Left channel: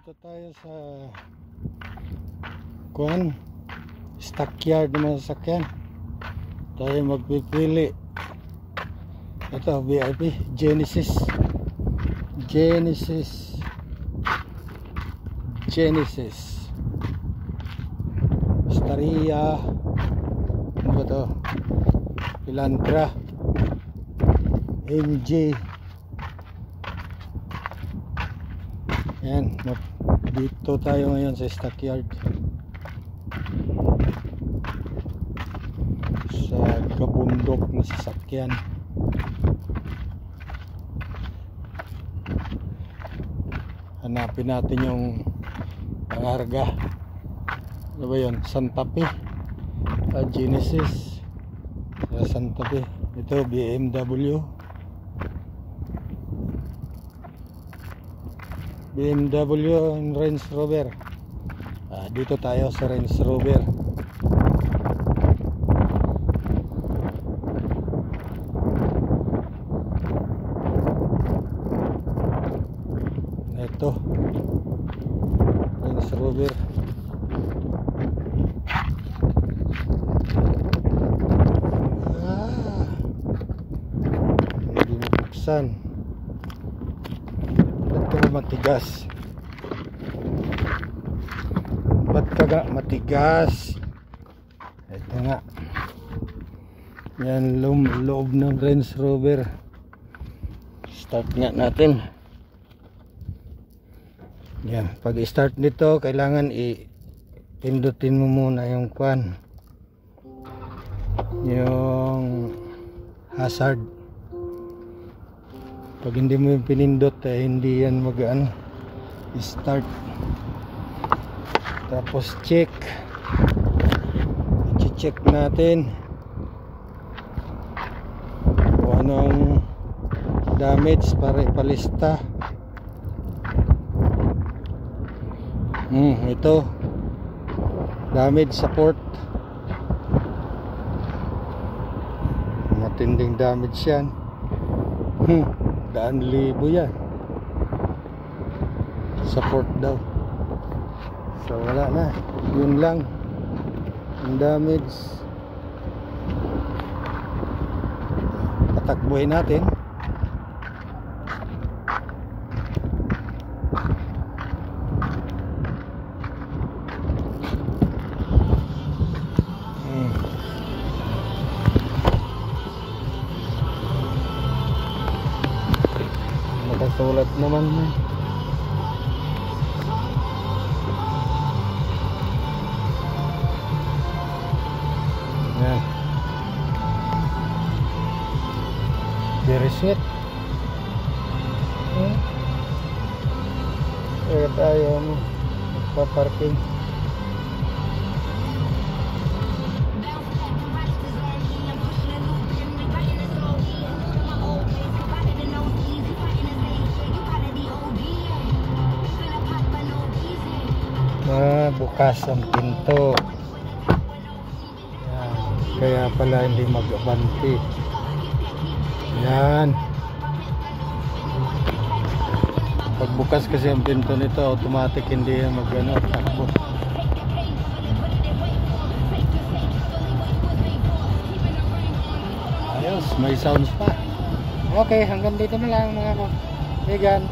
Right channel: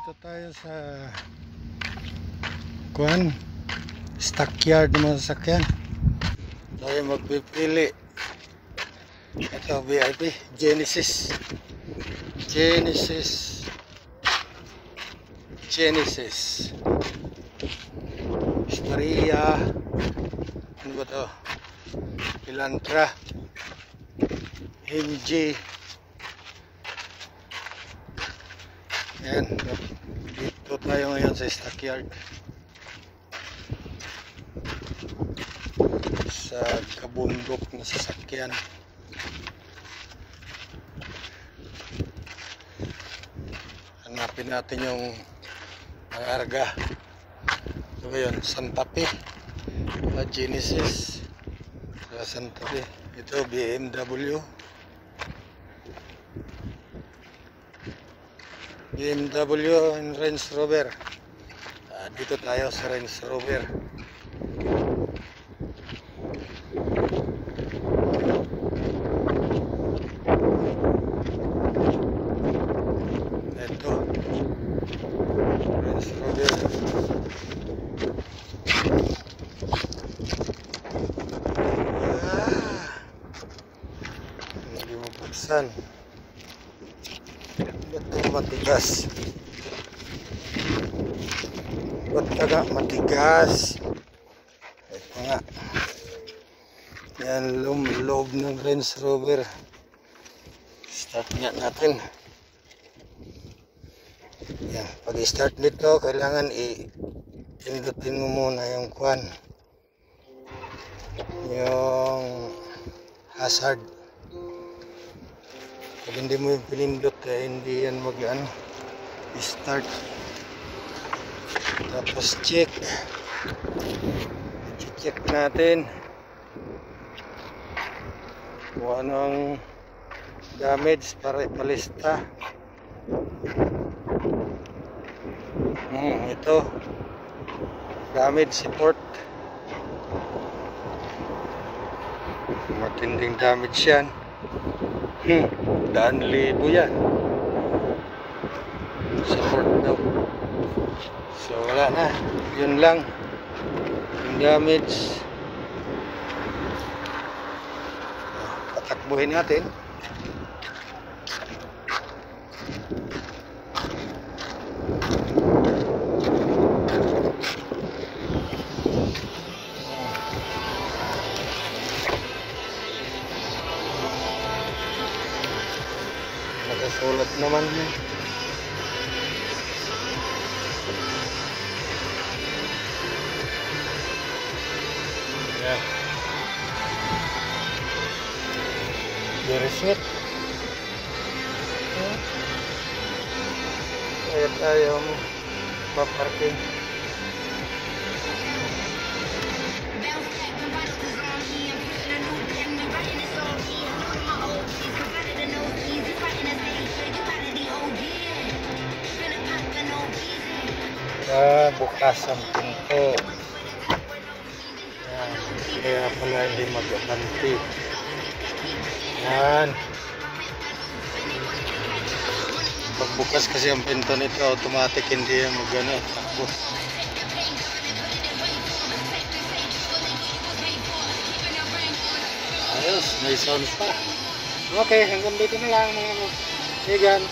Dito tayo sa stockyard ng mga sasakyan. Tayo magpipili. Ito VIP Genesis Staria, ano ba to, Elantra, MG. Ayan, dito tayo ngayon sa stockyard sa kabundok ng sasakyan. Hanapin natin yung pangarga. Ano ba yun? Santa Fe, Genesis sa Santa Fe. Ito BMW and Range Rover. Dito tayo sa Range Rover. Ito Range Rover. Hindi mabuksan. Ito matigas. Ba't ka matigas? Ito nga. Yan loob ng Range Rover. Start nga natin. Yan, pag i-start nito kailangan i-pindutin mo muna yung yung hazard. Pag hindi mo yung pinindot hindi yan start. Tapos check natin kung ano ang damage para ipalista. Ito damage support, matinding damage yan. 100,000 yan support daw. So wala na, yun lang ang damage. Patakbuhin natin. Nakasulat naman yan. Yan. Very sweet. Kaya tayo mo paparking. Bukas ang pinto. Yan. Kaya pala hindi mag-abanti. Yan. Pagbukas kasi ang pinto nito automatic hindi yan takbo. Ayos, may sounds pa. Okay, hanggang dito na lang mga kaibigan.